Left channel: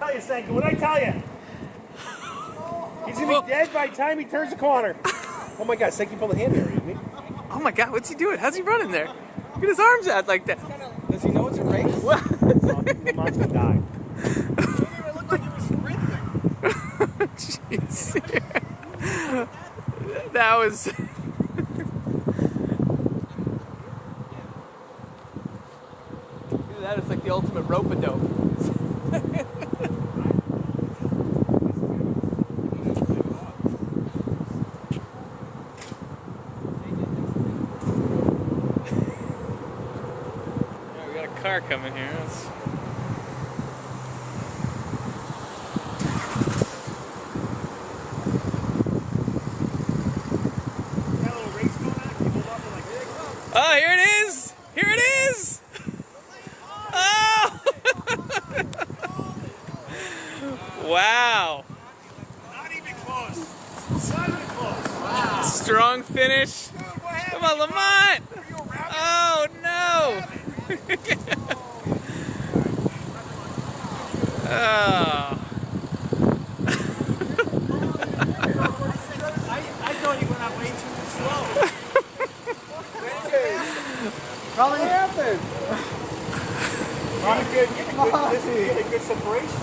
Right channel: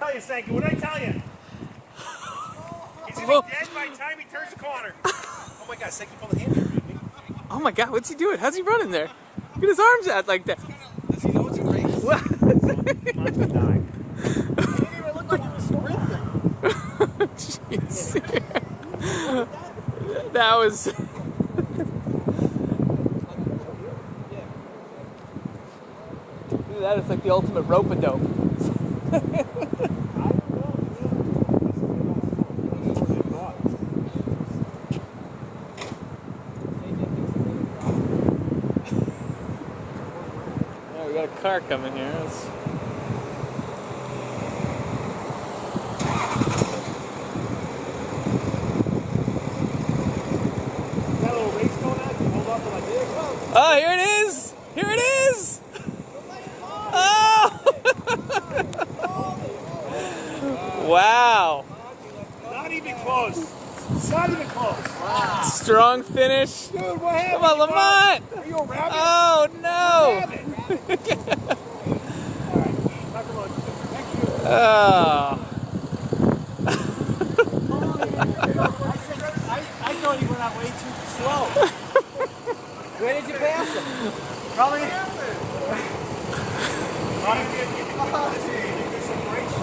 Tell you, Sankey, what did I tell you? He's gonna be dead by the time he turns the corner. Oh my God, Sankey pulled a hand there. Oh my God, what's he doing? How's he running there? Look at his arms out like that. Does he know it's a race? What? The monster died. He didn't even look like he was sprinting. Jeez. That was. That is like the ultimate rope-a-dope. Oh, we got a car coming here. That's... Got a little race going on? Can you hold on to my big? Oh, here it is! Here it is! Oh! Wow! Not even close. Not even close. Wow. Strong finish. Dude, what happened? Come on, Lamont! Are you a rabbit? Oh no! Oh. I thought you went out way too slow. When did you pass him? Probably. What happened? Probably good. Get a good separation.